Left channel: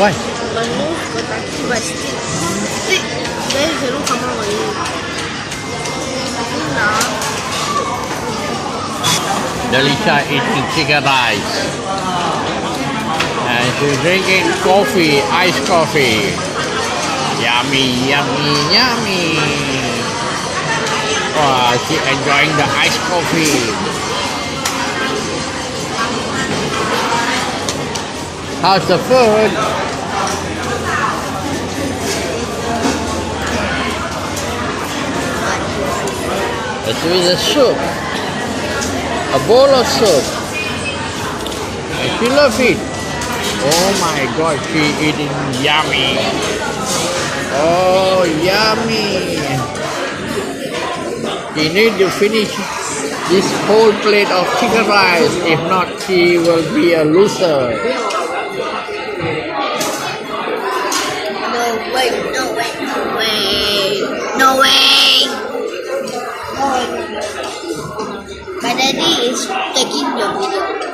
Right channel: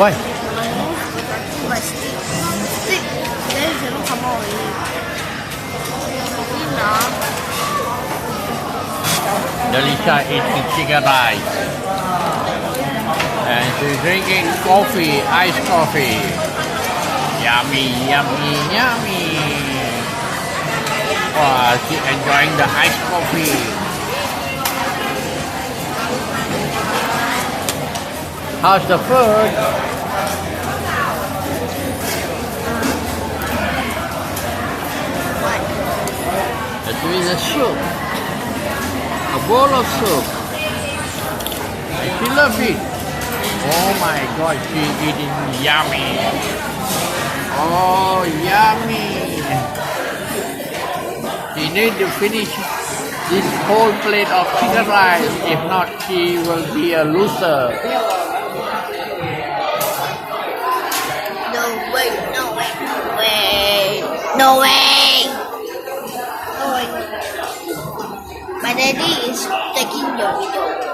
Why? But stick. Then you cannot come out already. Delisha eating chicken rice. And she's drinking coffee, iced coffee. Yummy, yummy, yummy. Wow, she's enjoying the iced coffee. How's the food? This is a soup. A bowl of soup. And she loves it. Oh my God, she eating yummy. Oh, yummy. She need to finish this whole plate of chicken rice. If not, she will be a loser. No way, no way, no way. No way. My daddy is taking your video.